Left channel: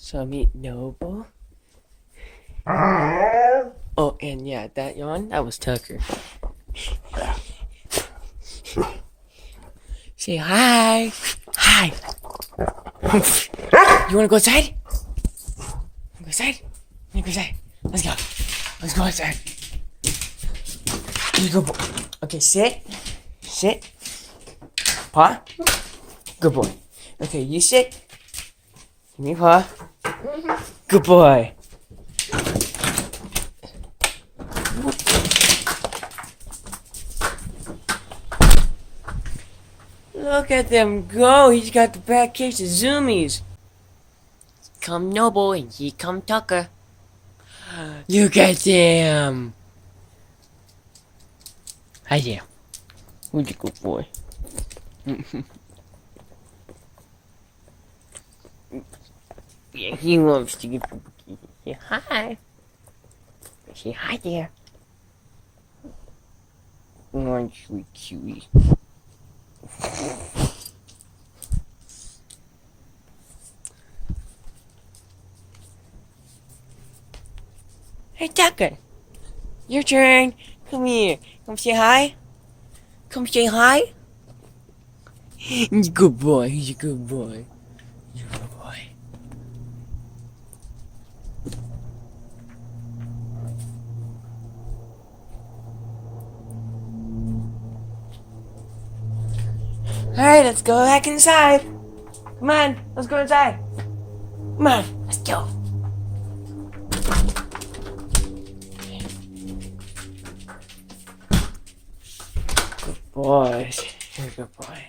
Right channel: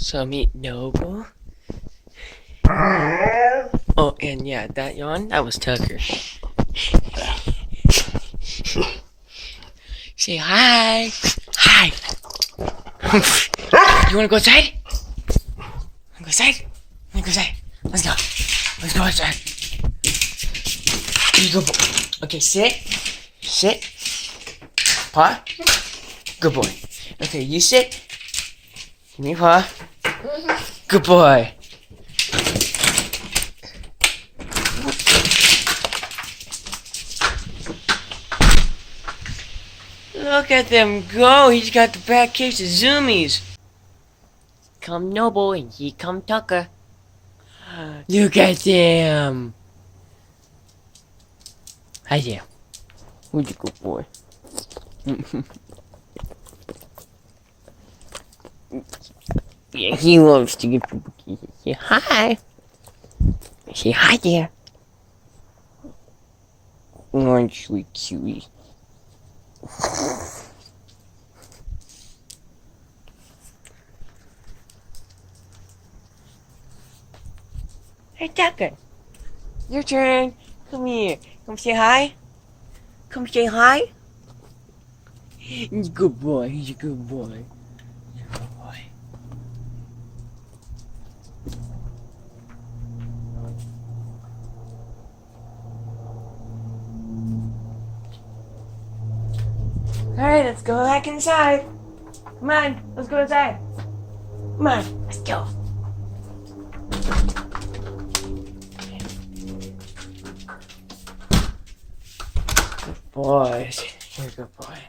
So meet Noble. Oh, and yeah, that yawn, that was Tucker. Say hi. Hi. You wanna go outside? Wanna go outside? Wanna go outside? Let's go. Let's go outside. You go. Okay, sit. Sit. Paw. Good boy. Okay, you sit. Give me a paw. Good boy. Look at them go. He's got the back kicks of zoomies. Come Noble and he come Tucker. Look at them. Hi there. Who's a good boy? Yeah, he loves to give people kisses. Say hi. Say hi there. Aren't you cute? Hey Tucker, your turn. Come here. Come say hi. Come say hi. He's a good boy. He's a good boy. He's a good boy. Alright, let's go back inside. Come on, let's go inside. Come on, let's go. Good boy. You're a good boy.